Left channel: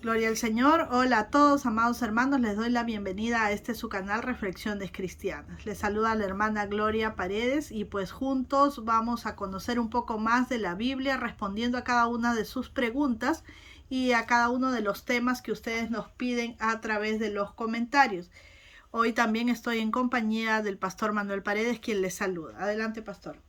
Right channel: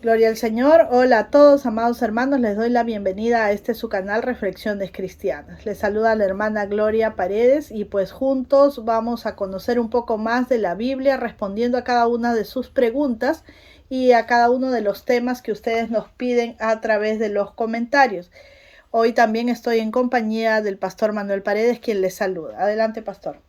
Gloria al Señor. Hola a todos, amados hermanos. Les doy la bienvenida a su canal Reflexiones Cristianas. Les saluda la hermana Gloria Paredes y pues juntos vamos a conocer un poco más de la Biblia, respondiendo a cada una de sus preguntas y a cada uno de los temas que ustedes nos piden a través de los comentarios. Hoy también estoy en compañía del pastor Manuel Paredes, quien les saluda. Adelante, pastor.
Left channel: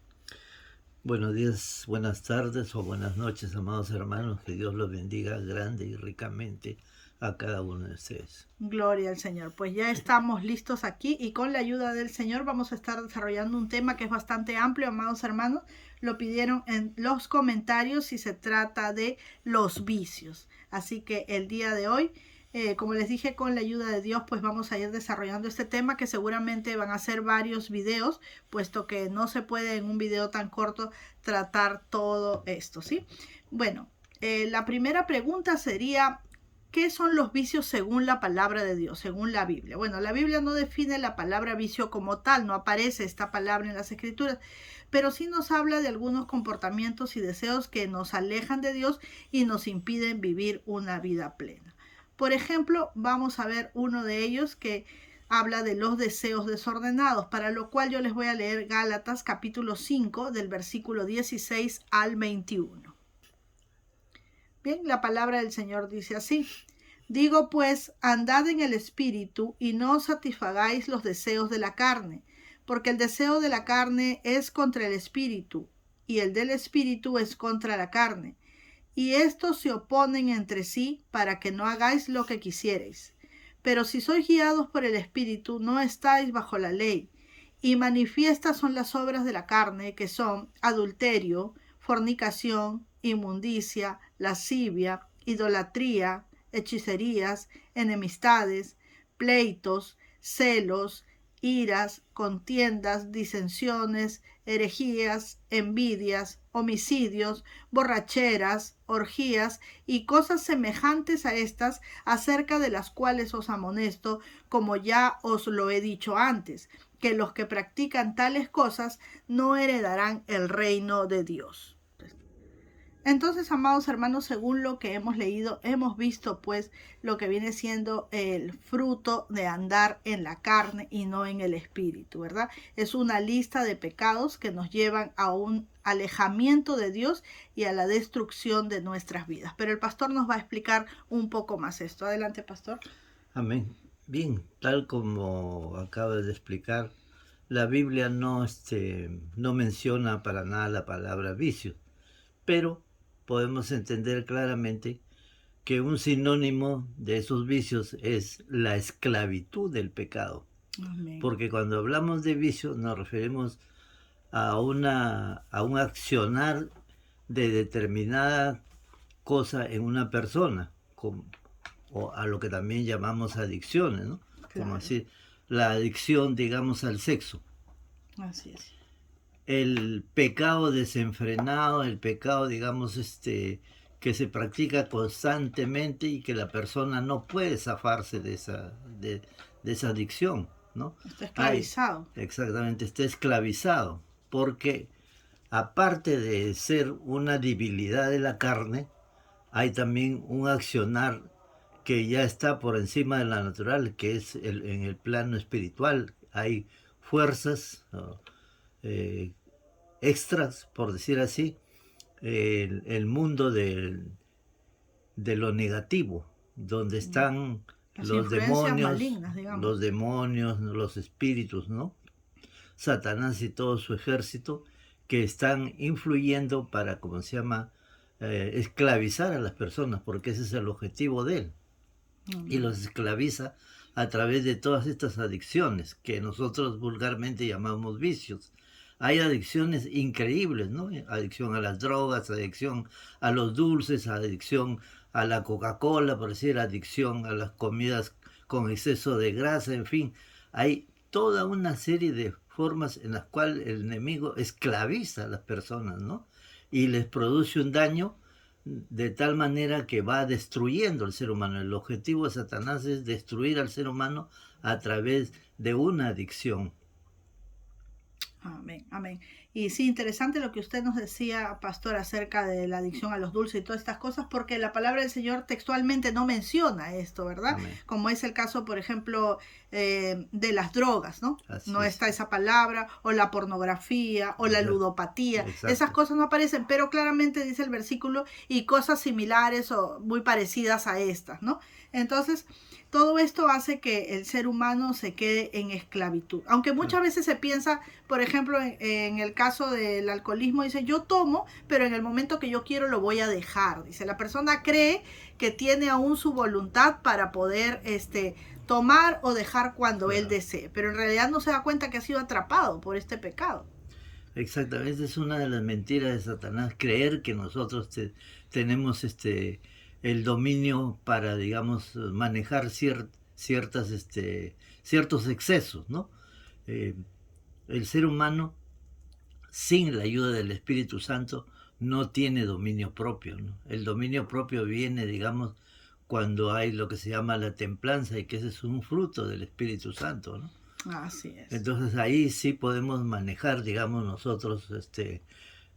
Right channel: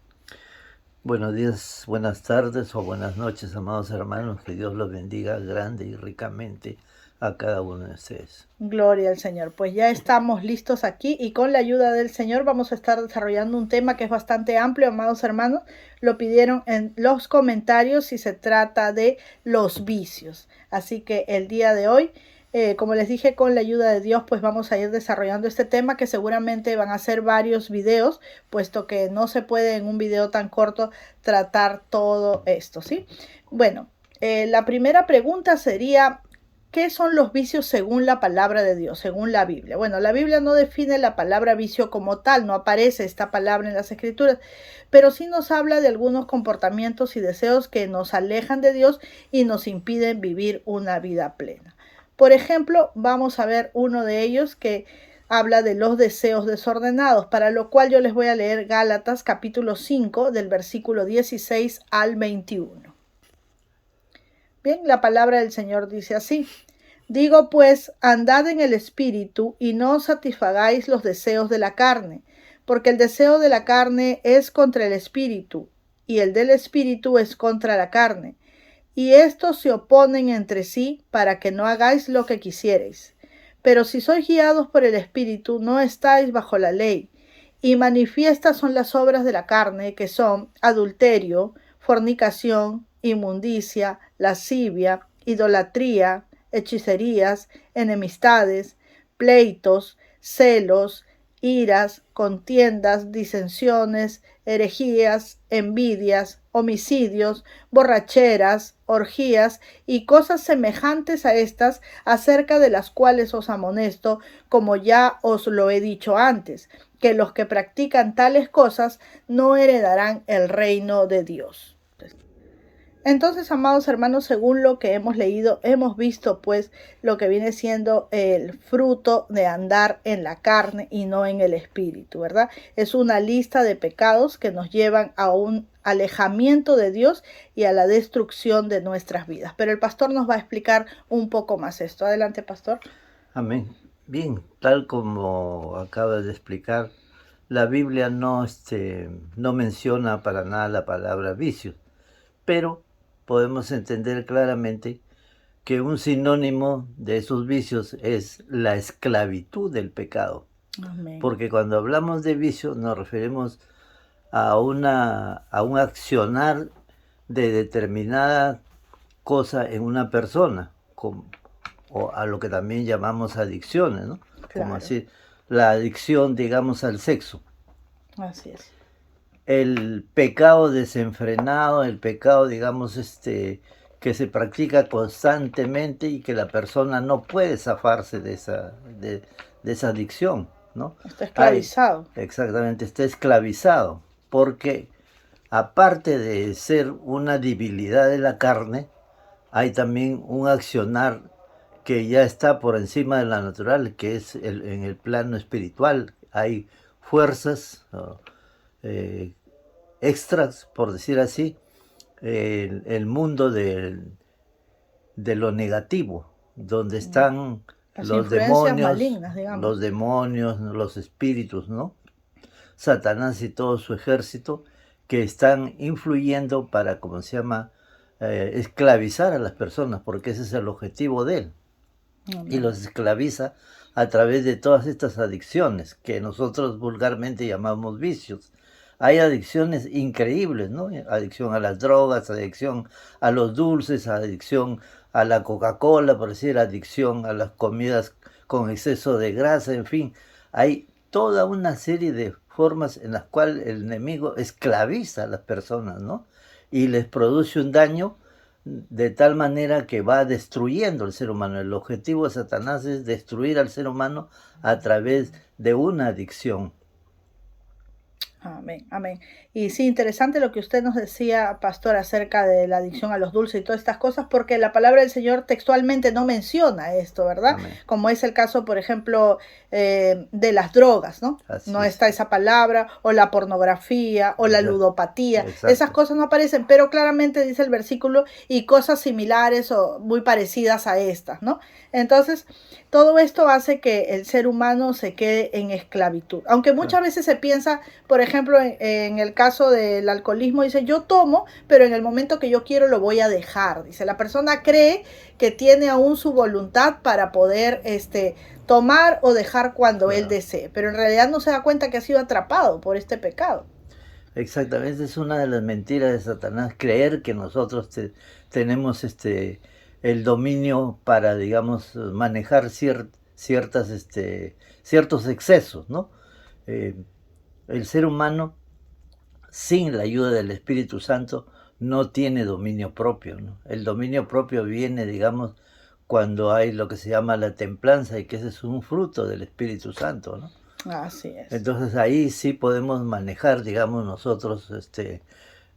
Buenos días, buenas tardes o buenas noches, amados hermanos. Que Dios los bendiga grande y ricamente a cada uno de ustedes. Gloria al Señor. Pues ya estamos listos aquí y con la ayuda del Señor vamos a estar desarrollando un tema que es bastante amplio, amados hermanos. Lo pidieron en los comentarios y se trata de los vicios. Así que el día de hoy, como les dije, con la ayuda de Dios, pues vamos a ir desarrollando este tema, que seguramente van a ser varios videos, puesto que no se puede en un video tan corto tratar todo esto, ¿sí? Bueno, la primera pregunta sería: ¿qué son los vicios según la palabra de Dios, según la Biblia? Bueno, la Biblia no define la palabra vicio como tal, no aparece esta palabra en las Escrituras, pero sí nos habla de algunos comportamientos y deseos que nos alejan de Dios y nos impiden vivir una vida plena. Por ejemplo, vamos a ver uno de ellos que habla de los deseos desordenados, para lo cual yo les voy a leer Gálatas capítulo 5 del versículo 16 al 21. Bien, la palabra del Señor dice así: digo pues, andad en el Espíritu y no satisfagáis los deseos de la carne, porque el deseo de la carne es contra el Espíritu, y el del Espíritu es contra la carne. Y estos se oponen entre sí para que no hagáis lo que quisierais. Pero si sois guiados por el Espíritu, no estáis bajo la ley. Y manifiestas son las obras de la carne, que son adulterio, fornicación, inmundicia, lascivia, idolatría, hechicerías, enemistades, pleitos, celos, iras, contiendas, disensiones, herejías, envidias, homicidios, borracheras, orgías y cosas semejantes a estas, acerca de las cuales os amonesto, como ya os lo he dicho antes, que los que practican tales cosas no heredarán el reino de Dios. Entonces, amados hermanos, según lo que hemos leído, hemos visto pues lo que viene siendo el fruto de andar en la carne y no en el espíritu, ¿verdad? Es una lista de pecados que nos llevan a un alejamiento de Dios y a la destrucción de nuestras vidas. Pero el pastor nos va a explicar un poco más esto. Adelante, pastor. Amén. Bien, tal como acabas de explicar, la Biblia no menciona para nada la palabra vicios, pero podemos entender claramente que un sinónimo de esos vicios es la esclavitud del pecado. Amén. Porque cuando hablamos de vicio nos referimos a un accionar de determinada cosa en una persona, o a lo que también llamamos adicciones, ¿no? Claro. Como así, la adicción, digamos, al sexo. Así es. El pecado desenfrenado, el pecado, digamos, que se practica constantemente y que la persona no puede zafarse de esa adicción, ¿no? Está esclavizado. Exactamente, está esclavizado, porque aparte de ser una debilidad de la carne, hay también un accionar que ya está por encima de la natural, que es en el plano espiritual. Hay fuerzas extras, por decir así, el mundo de lo negativo, donde están las los influencias demonios, malignas, digamos. los demonios, los espíritus, ¿no? Satanás y todo su ejército, que están influyendo para, como se llama, esclavizar a las personas, porque ese es el objetivo de él. Y los esclaviza a través de todas estas adicciones que nosotros vulgarmente llamamos vicios. Hay adicciones increíbles, ¿no? Adicción a las drogas, adicción a los dulces, adicción a la Coca-Cola, por decir, adicción a las comidas con exceso de grasa, en fin. Hay toda una serie de formas en las cuales el enemigo esclaviza a las personas, ¿no? Y les produce un daño de tal manera que va destruyendo al ser humano. El objetivo de Satanás es destruir al ser humano a través de una adicción. Amén, amén. Y sí, interesante lo que usted nos decía, pastor, acerca de la adicción a los dulces y todas estas cosas, porque la palabra del Señor textualmente no menciona esto, ¿verdad? Amén. Como es el caso, por ejemplo, de las drogas, ¿no? Así No es. está esa palabra, o la pornografía, o la Exacto. ludopatía. Esas Exacto. cosas no aparecen, pero claramente dice el versículo y cosas similares o muy parecidas a estas, ¿no? Entonces, todo esto hace que el ser humano se quede en esclavitud. Aunque Claro. muchas veces se piensa, por ejemplo, en el caso del alcoholismo, dice, yo tomo, pero en el momento que yo quiero lo voy a dejar. Dice, la persona cree que tiene aún su voluntad para poder tomar o dejar cuando él Claro. desee, pero en realidad no se da cuenta que ha sido atrapado por este pecado. Exactamente, es una de las mentiras de Satanás, creer que nosotros tenemos el dominio para, digamos, manejar ciertas, ciertos excesos, ¿no? Eh, el ser humano, sin la ayuda del Espíritu Santo, no tiene dominio propio, ¿no? El dominio propio viene, digamos, cuando hay lo que se llama la templanza, y que ese es un fruto del Espíritu Santo, ¿no? Así es. Entonces ahí sí podemos manejar, digamos, nosotros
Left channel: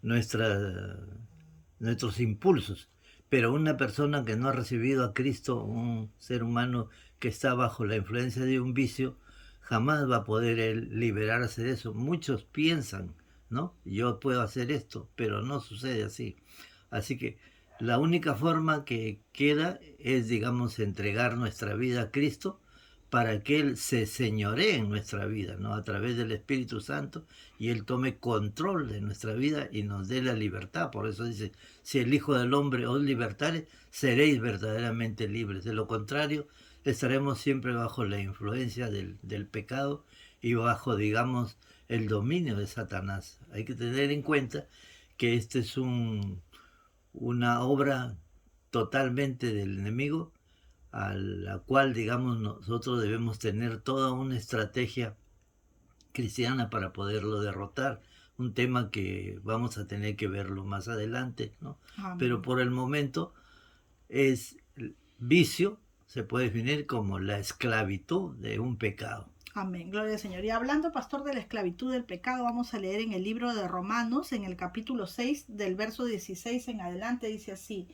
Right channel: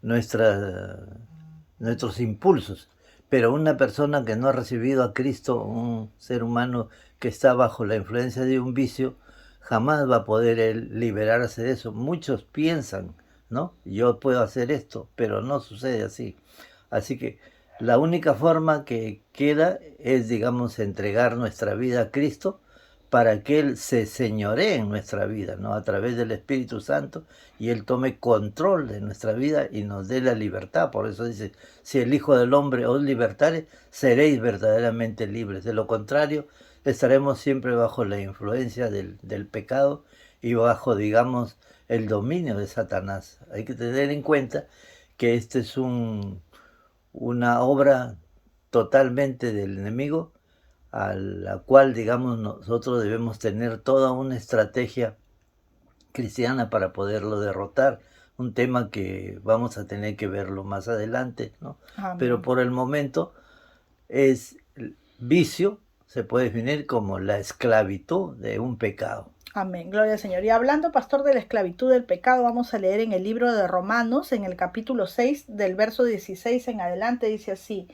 nuestra- nuestros impulsos. Pero una persona que no ha recibido a Cristo, un ser humano que está bajo la influencia de un vicio, jamás va a poder él liberarse de eso. Muchos piensan, ¿no? Yo puedo hacer esto, pero no sucede así. Así que la única forma que queda es, digamos, entregar nuestra vida a Cristo para que Él se señoree en nuestra vida, ¿no? A través del Espíritu Santo, y Él tome control de nuestra vida y nos dé la libertad. Por eso dice, si el Hijo del Hombre os libertare, seréis verdaderamente libres. De lo contrario, estaremos siempre bajo la influencia del pecado y bajo, digamos, el dominio de Satanás. Hay que tener en cuenta que este es una obra totalmente del enemigo, a la cual, digamos, nosotros debemos tener toda una estrategia cristiana para poderlo derrotar. Un tema que vamos a tener que verlo más adelante, ¿no? Pero Amén. por el momento es vicio, se puede definir como la esclavitud de un pecado. Amén, gloria al Señor. Y hablando, pastor, de la esclavitud del pecado, vamos a leer en el libro de Romanos, en el capítulo 6, del verso 16 en adelante, dice así,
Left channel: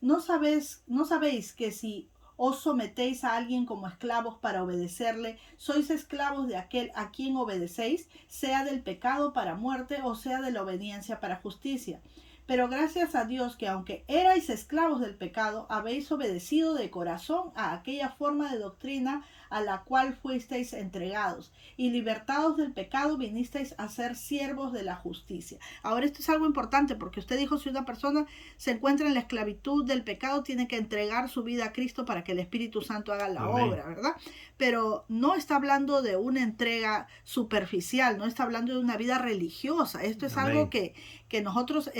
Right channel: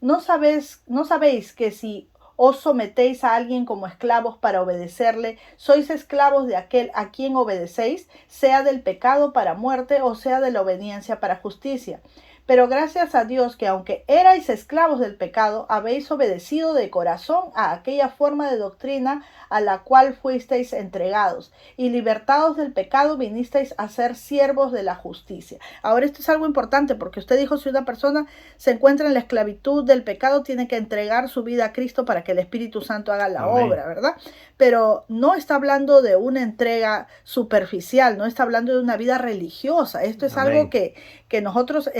no sabéis que si os sometéis a alguien como esclavos para obedecerle, sois esclavos de aquel a quien obedecéis, sea del pecado para muerte o sea de la obediencia para justicia. Pero gracias a Dios que aunque erais esclavos del pecado, habéis obedecido de corazón a aquella forma de doctrina a la cual fuisteis entregados, y libertados del pecado vinisteis a ser siervos de la justicia. Ahora esto es algo importante porque usted dijo, si una persona se encuentra en la esclavitud del pecado, tiene que entregar su vida a Cristo para que el Espíritu Santo haga la Amén. obra, ¿verdad? Pero no está hablando de una entrega superficial, no está hablando de una vida religiosa. Esto es Amén. algo que nosotros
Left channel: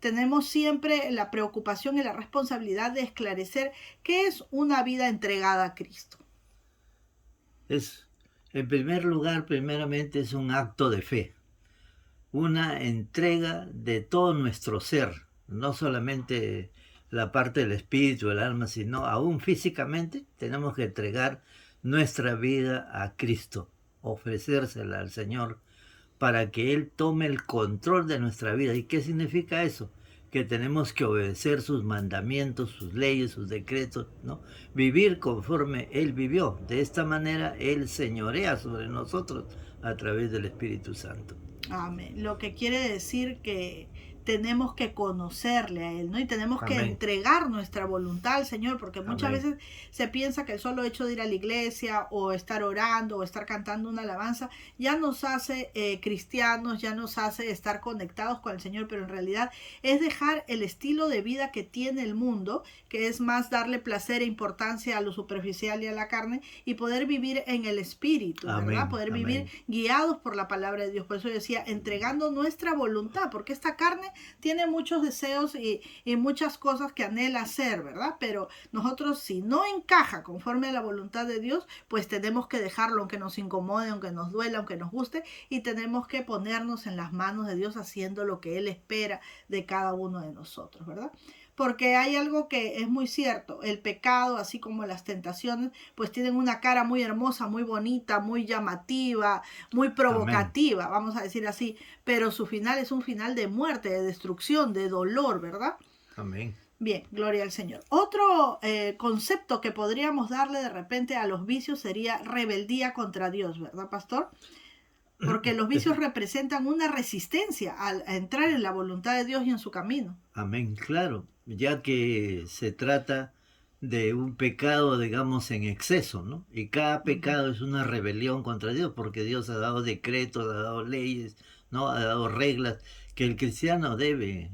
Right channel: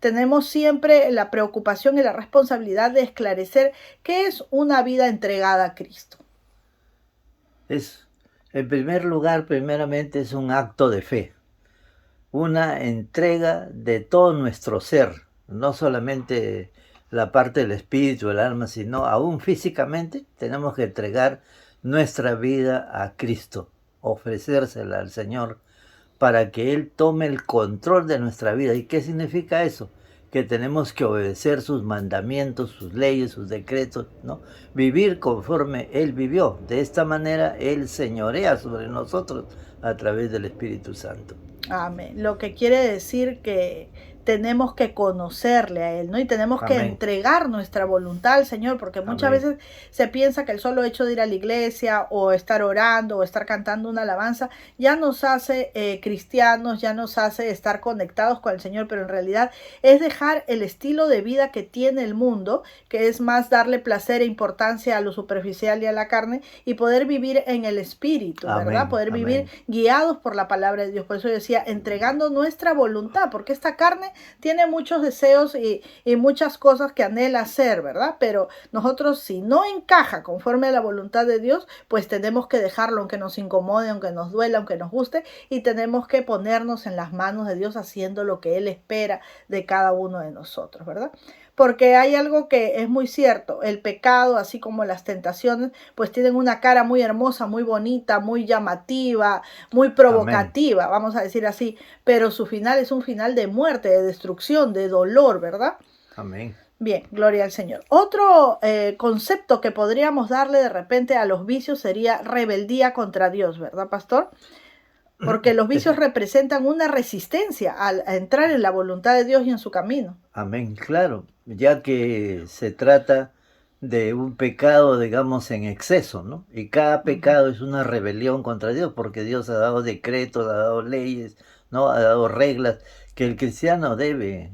tenemos siempre la preocupación y la responsabilidad de esclarecer qué es una vida entregada a Cristo. Es, en primer lugar, primeramente es un acto de fe, una entrega de todo nuestro ser, no solamente la parte del espíritu, el alma, sino aún físicamente tenemos que entregar nuestra vida a Cristo, ofrecérsela al Señor para que Él tome el control de nuestra vida. ¿Y qué significa eso? Que tenemos que obedecer sus mandamientos, sus leyes, sus decretos, ¿no? Vivir conforme Él vivió. De esta manera Él señorea sobre nosotros a través del Espíritu Santo. Amén. Lo que quiere decir que tenemos que conocerle a Él, ¿no? Y tenemos que Amén. entregar nuestra voluntad al Señor, porque muchas Amén. veces se piensa que el solo hecho de ir a la iglesia o estar orando o estar cantando una alabanza ya nos hace cristianos, ya nos hace estar conectados con el Señor, pero en realidad es dejar el estilo de vida que tiene el mundo, que es más darle placer e importancia a lo superficial y a la carne, y poder vivir en el Espíritu, ¿verdad? Amén. Poder vivir Amén. guiados por la palabra de Dios. Por eso yo decía, entregando nuestra voluntad, porque esta carne tiene muchos deseos y muchas cosas que anhela hacer, ¿verdad? Pero nosotros, si no encaja conforme a la voluntad de Dios, pues tenemos que dejarlo, aunque nos incomode, aunque nos duela, aunque nos guste, y tenemos que ponernos en las manos de Dios haciendo lo que Él espera de cada uno de nosotros, ¿verdad? porque hay algo que es muy cierto, el pecado, así como las tentaciones, pues tienen una cara muy hermosa, muy bonita, muy llamativa, muy Amén. provocativa, vamos a decir así, pero su final es un final de muerte, de destrucción, de dolor, ¿verdad? Amén. Bien, gloria al Señor. Otro concepto que podríamos darle de repente a los vicios sería rebeldía contra Dios, ¿verdad, pastor? Porque los vicios representan una resistencia a entrar en la voluntad de Dios y en su camino. Amén, claro, ya que se trata de un pecado, digamos, en exceso, ¿no? Y cada pecado es una rebelión contra Dios, porque Dios ha dado decretos, ha dado leyes, ¿no? Ha dado reglas que el cristiano debe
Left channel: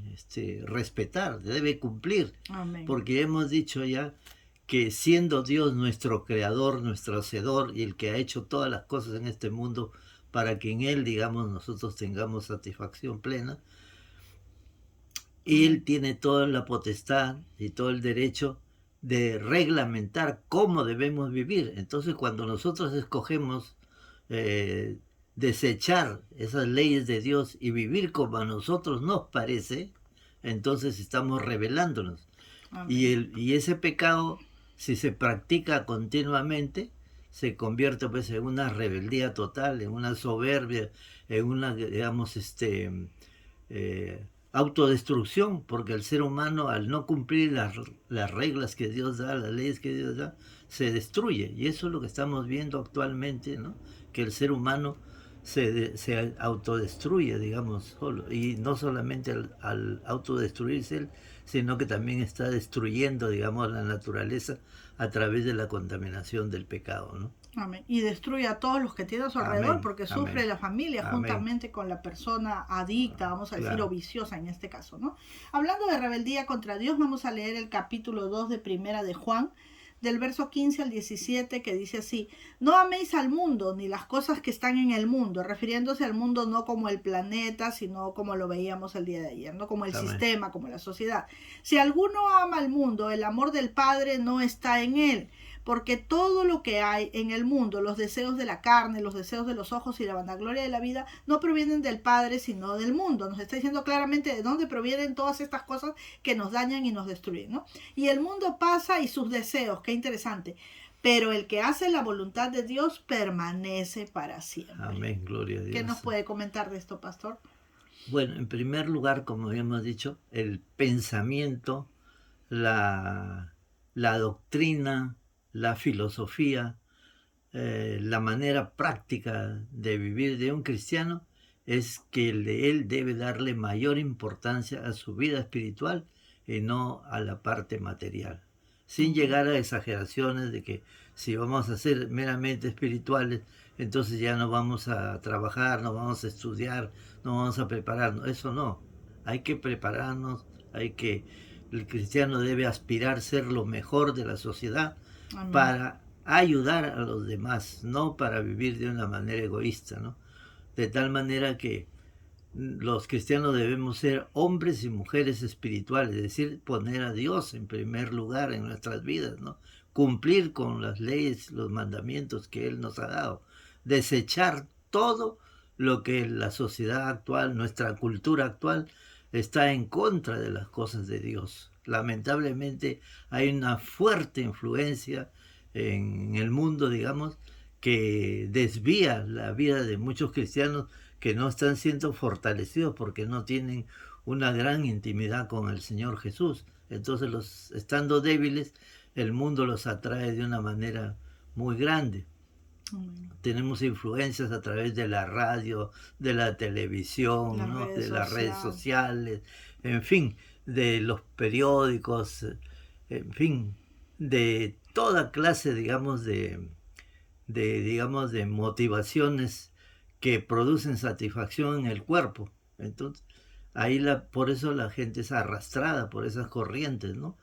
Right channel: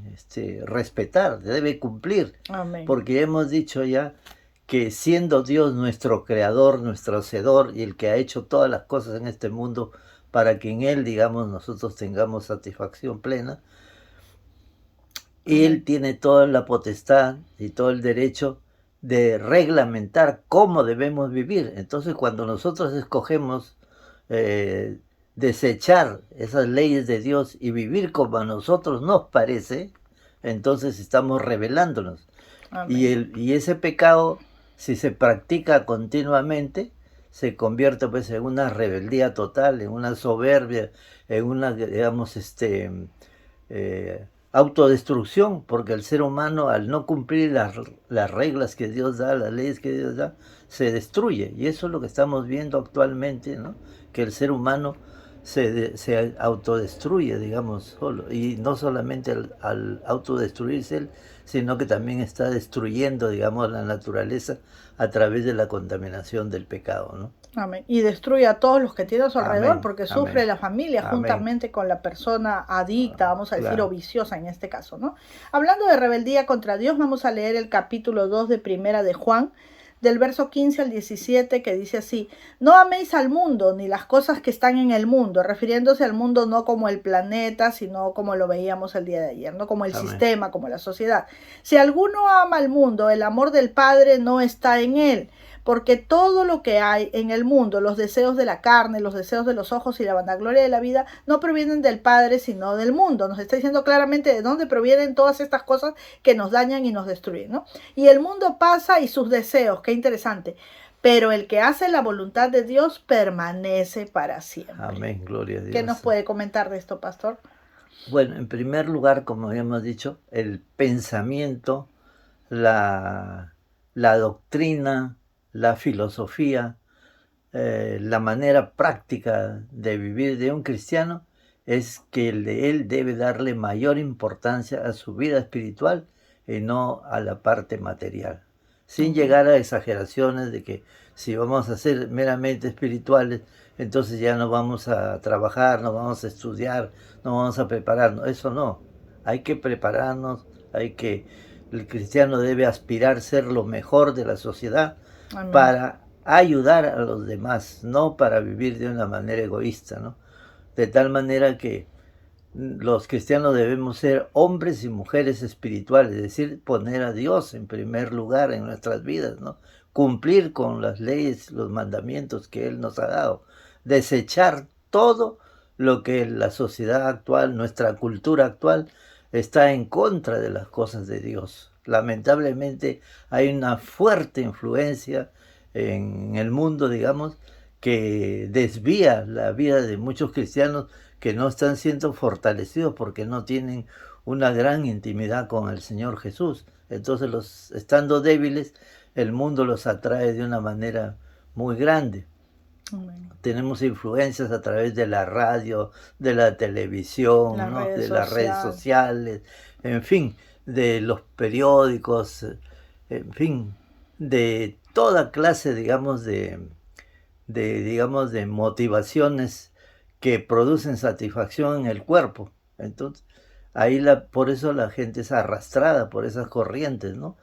respetar, debe cumplir, Amén. porque hemos dicho ya que siendo Dios nuestro creador, nuestro hacedor y el que ha hecho todas las cosas en este mundo para que en Él, digamos, nosotros tengamos satisfacción plena, él Amén. tiene toda la potestad y todo el derecho de reglamentar cómo debemos vivir. Entonces, cuando nosotros escogemos desechar esas leyes de Dios y vivir como a nosotros nos parece, entonces estamos rebelándonos. Amén. Y ese pecado, si se practica continuamente, se convierte pues en una rebeldía total, en una soberbia, en una, digamos, autodestrucción, porque el ser humano al no cumplir las reglas que Dios da, las leyes que Dios da, se destruye. Y eso es lo que estamos viendo actualmente, ¿no? Que el ser humano se autodestruye, digamos, solo. Y no solamente al autodestruirse él, sino que también está destruyendo, digamos, la naturaleza a través de la contaminación del pecado, ¿no? Amén. Y destruye a todos los que tiene a su alrededor, Amén, porque sufre amén, la familia amén. juntamente con la persona adicta, vamos a decir, o Claro, viciosa en este caso, ¿no? Hablando de rebeldía contra Dios, vamos a leer el capítulo 2 de Primera de Juan, del verso 15 al 17, que dice así: no améis al mundo ni las cosas que están en el mundo, refiriéndose al mundo no como el planeta, sino como lo veíamos el día de ayer, no como el amén. sistema, como la sociedad. Si alguno ama al mundo, el amor del Padre no está en él, porque todo lo que hay en el mundo, los deseos de la carne, los deseos de los ojos y la vanagloria de la vida, no provienen del Padre, sino del mundo. Nos está diciendo claramente de dónde provienen todas estas cosas que nos dañan y nos destruyen, ¿no? Y el mundo pasa y sus deseos, qué interesante. Pero el que hace la voluntad de Dios permanece para siempre. Amén, gloria a ¿Qué nos Dios. puede comentar de esto, pastor? Bueno, en primer lugar, como habíamos dicho, el pensamiento, la doctrina, la filosofía, la manera práctica de vivir de un cristiano es que él debe darle mayor importancia a su vida espiritual y no a la parte material, sin Amén. llegar a exageraciones de que si vamos a ser meramente espirituales, entonces ya no vamos a trabajar, no vamos a estudiar, no vamos a prepararnos. Eso no, hay que prepararnos, el cristiano debe aspirar a ser lo mejor de la sociedad Amén. para ayudar a los demás, no para vivir de una manera egoísta, ¿no? De tal manera que los cristianos debemos ser hombres y mujeres espirituales, es decir, poner a Dios en primer lugar en nuestras vidas, ¿no? Cumplir con las leyes, los mandamientos que Él nos ha dado, desechar todo lo que la sociedad actual, nuestra cultura actual, está en contra de las cosas de Dios. Lamentablemente hay una fuerte influencia en el mundo, digamos, que desvía la vida de muchos cristianos que no están siendo fortalecidos porque no tienen una gran intimidad con el Señor Jesús. Entonces, estando débiles, el mundo los atrae de una manera muy grande. Amén. Tenemos influencias a través de la radio, de la televisión, Las ¿no? redes De las redes sociales. sociales, en fin, de los periódicos, en fin, de toda clase, digamos, digamos, de motivaciones que producen satisfacción en el cuerpo. Entonces, por eso la gente es arrastrada por esas corrientes, ¿no?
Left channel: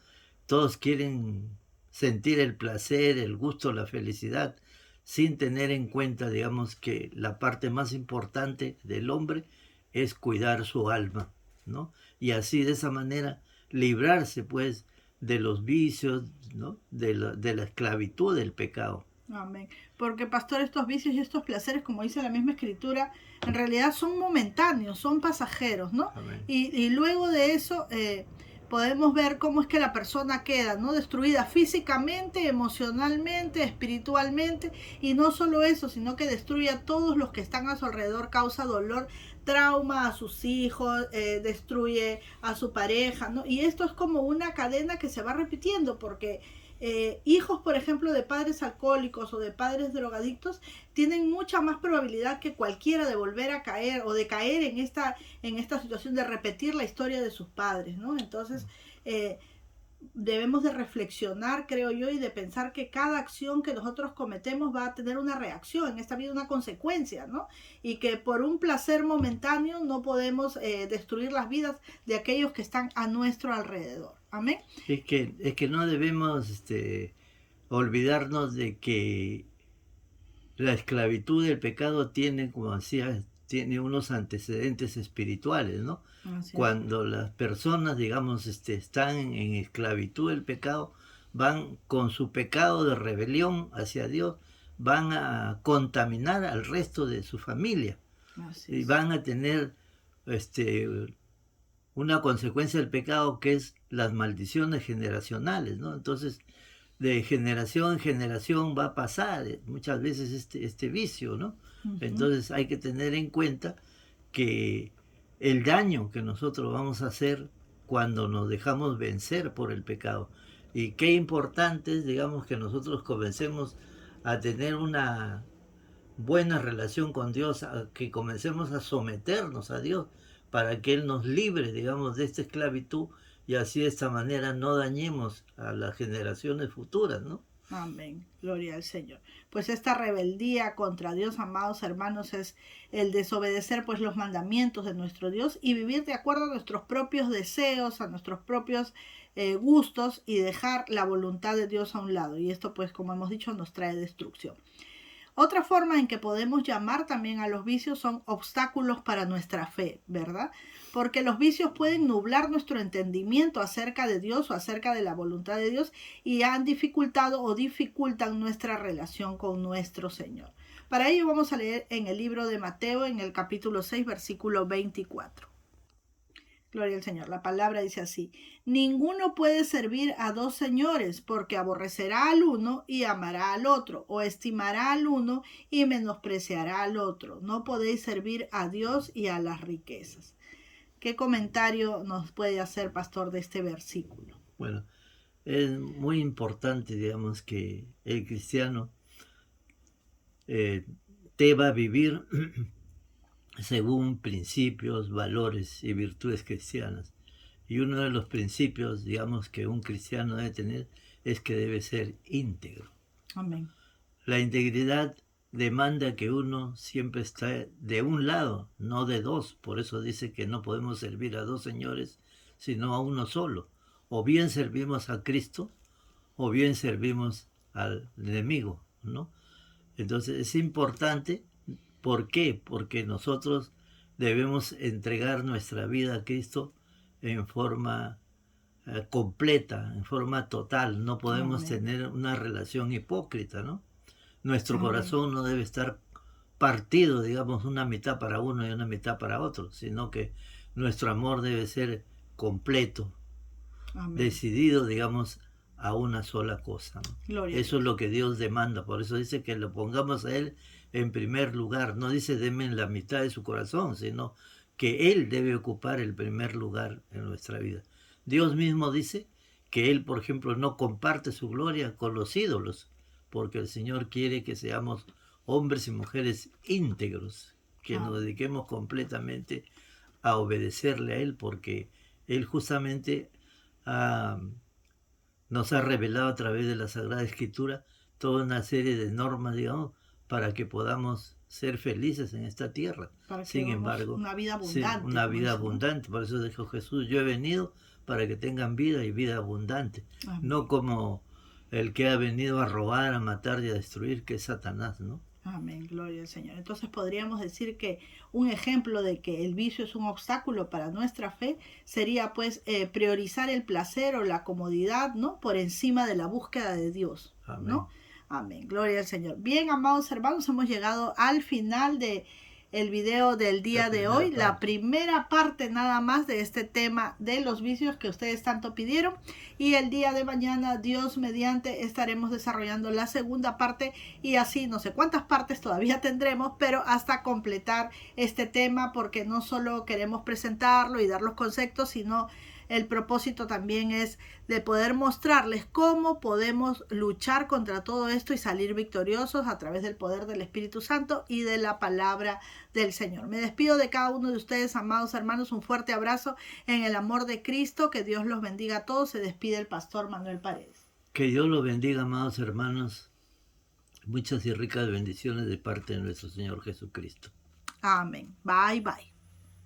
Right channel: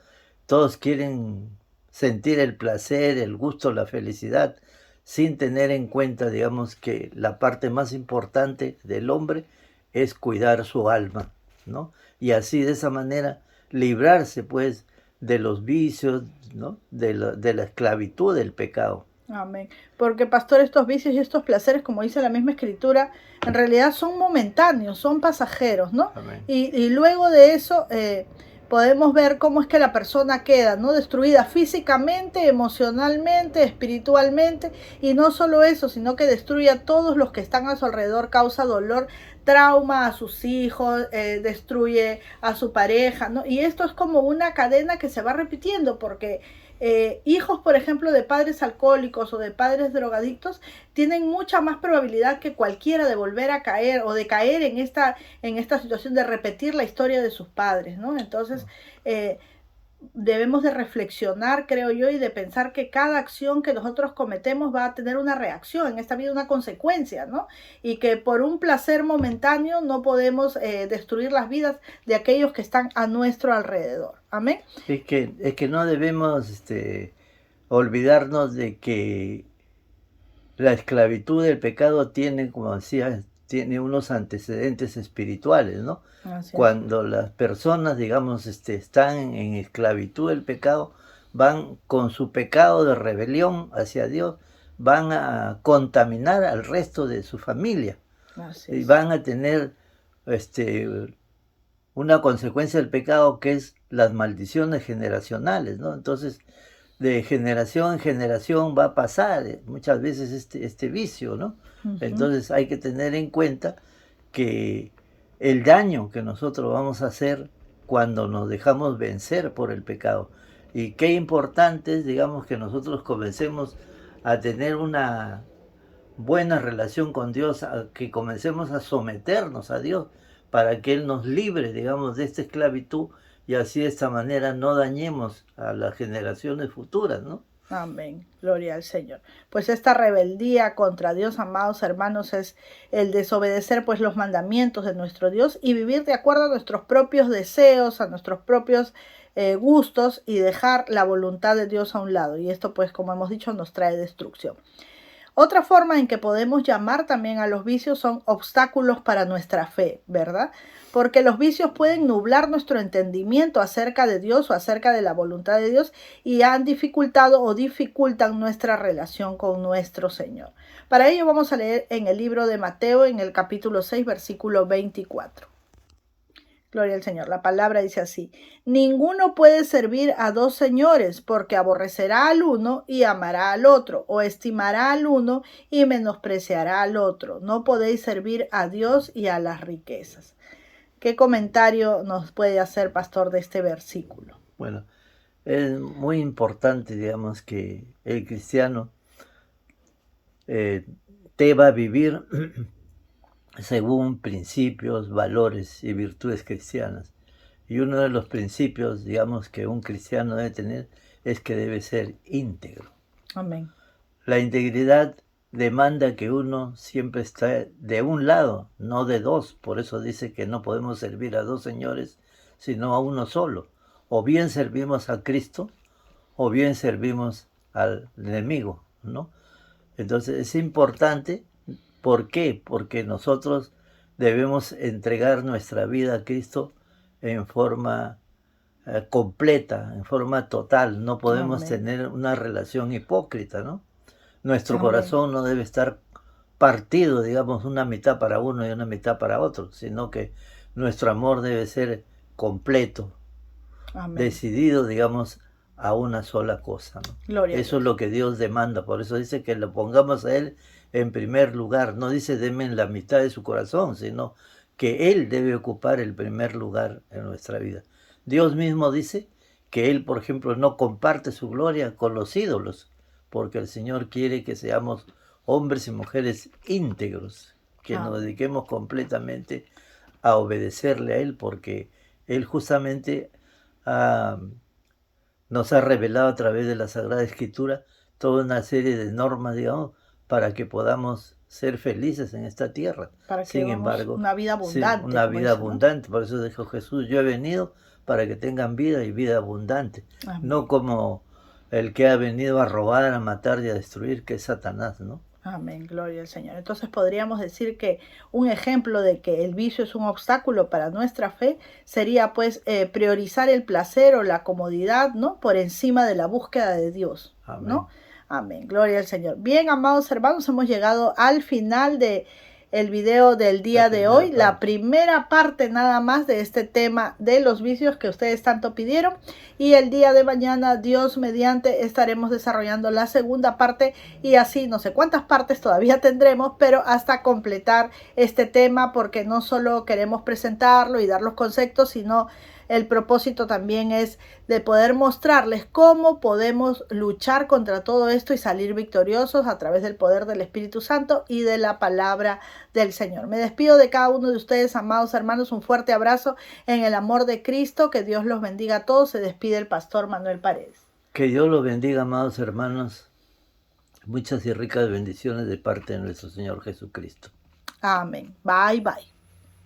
Todos quieren sentir el placer, el gusto, la felicidad, sin tener en cuenta, digamos, que la parte más importante del hombre es cuidar su alma, ¿no? Y así, de esa manera, librarse, pues, de los vicios, ¿no? De la esclavitud del pecado. Amén. Porque, pastor, estos vicios y estos placeres, como dice la misma escritura, en realidad son momentáneos, son pasajeros, ¿no? Amén. Y luego de eso podemos ver cómo es que la persona queda, ¿no? Destruida físicamente, emocionalmente, espiritualmente, y no solo eso, sino que destruye a todos los que están a su alrededor, causa dolor, trauma a sus hijos, destruye a su pareja, ¿no? Y esto es como una cadena que se va repitiendo, porque hijos, por ejemplo, de padres alcohólicos o de padres drogadictos, tienen mucha más probabilidad que cualquiera de volver a caer o de caer en esta situación de repetir la historia de sus padres, ¿no? Entonces, debemos de reflexionar, creo yo, y de pensar que cada acción que nosotros cometemos va a tener una reacción, en esta vida una consecuencia, ¿no? Y que por un placer momentáneo no podemos destruir las vidas de aquellos que están a nuestro alrededor. Amén. Es que no debemos olvidarnos de que la esclavitud del pecado tiene, como decía, tiene unos antecedentes espirituales, ¿no? Cuando las personas, digamos, están en esclavitud del pecado, van con su pecado de rebelión hacia Dios, van a contaminar al resto de su familia. Y van a tener una consecuencia del pecado que es las maldiciones generacionales, ¿no? Entonces, de generación en generación va a pasar muchas veces este vicio, ¿no? Entonces hay que tener en cuenta que el daño que nosotros vamos a hacer cuando nos dejamos vencer por el pecado. Y qué importante es, digamos, que nosotros comencemos a tener una buena relación con Dios, a que comencemos a someternos a Dios para que Él nos libre, digamos, de esta esclavitud y así de esta manera no dañemos a las generaciones futuras, ¿no? Amén, gloria al Señor. Pues esta rebeldía contra Dios, amados hermanos, es el desobedecer pues los mandamientos de nuestro Dios y vivir de acuerdo a nuestros propios deseos, a nuestros propios gustos y dejar la voluntad de Dios a un lado. Y esto pues, como hemos dicho, nos trae destrucción. Otra forma en que podemos llamar también a los vicios son obstáculos para nuestra fe, ¿verdad? Porque los vicios pueden nublar nuestro entendimiento acerca de Dios o acerca de la voluntad de Dios y han dificultado o dificultan nuestra relación con nuestro Señor. Para ello vamos a leer en el libro de Mateo, en el capítulo 6, versículo 24. Gloria al Señor. La palabra dice así: ninguno puede servir a dos señores, porque aborrecerá al uno y amará al otro, o estimará al uno y menospreciará al otro. No podéis servir a Dios y a las riquezas. ¿Qué comentario nos puede hacer, pastor, de este versículo? Bueno, es muy importante, digamos, que el cristiano deba vivir según principios, valores y virtudes cristianas. Y uno de los principios, digamos, que un cristiano debe tener es que debe ser íntegro. Amén. La integridad demanda que uno siempre esté de un lado, no de dos. Por eso dice que no podemos servir a dos señores, sino a uno solo. O bien servimos a Cristo, o bien servimos al enemigo, ¿no? Entonces es importante. ¿Por qué? Porque nosotros debemos entregar nuestra vida a Cristo en forma completa, en forma total. No podemos tener una relación hipócrita, ¿no? Nuestro corazón no debe estar partido, digamos, una mitad para uno y una mitad para otro, sino que nuestro amor debe ser completo, decidido, digamos, a una sola cosa, ¿no? Eso es lo que Dios demanda. Por eso dice que lo pongamos a Él en primer lugar. No dice denme en la mitad de su corazón, sino que Él debe ocupar el primer lugar en nuestra vida. Dios mismo dice que Él, por ejemplo, no comparte su gloria con los ídolos, porque el Señor quiere que seamos hombres y mujeres íntegros, que nos dediquemos completamente a obedecerle a Él, porque Él justamente nos ha revelado a través de la Sagrada Escritura toda una serie de normas, digamos, para que podamos ser felices en esta tierra. Para que Sin embargo, una vida abundante. Sí, una vida abundante. Por eso dijo Jesús, yo he venido para que tengan vida y vida abundante. Amén. No como el que ha venido a robar, a matar y a destruir, que es Satanás, ¿no? Amén, gloria al Señor. Entonces podríamos decir que un ejemplo de que el vicio es un obstáculo para nuestra fe sería pues priorizar el placer o la comodidad, ¿no? Por encima de la búsqueda de Dios, Amén. ¿no? Amén, gloria al Señor. Bien, amados hermanos, hemos llegado al final de el video del día de hoy, la primera parte nada más de este tema de los vicios que ustedes tanto pidieron. Y el día de mañana, Dios mediante, estaremos desarrollando la segunda parte y así no sé cuántas partes todavía tendremos, pero hasta completar este tema, porque no solo queremos presentarlo y dar los conceptos, sino el propósito también es de poder mostrarles cómo podemos luchar contra todo esto y salir victoriosos a través del poder del Espíritu Santo y de la palabra del Señor. Me despido de cada uno de ustedes, amados hermanos, un fuerte abrazo en el amor de Cristo, que Dios los bendiga a todos. Se despide el pastor Manuel Paredes. Que Dios los bendiga, amados hermanos. Muchas y ricas bendiciones de parte de nuestro Señor Jesucristo. Amén. Bye, bye.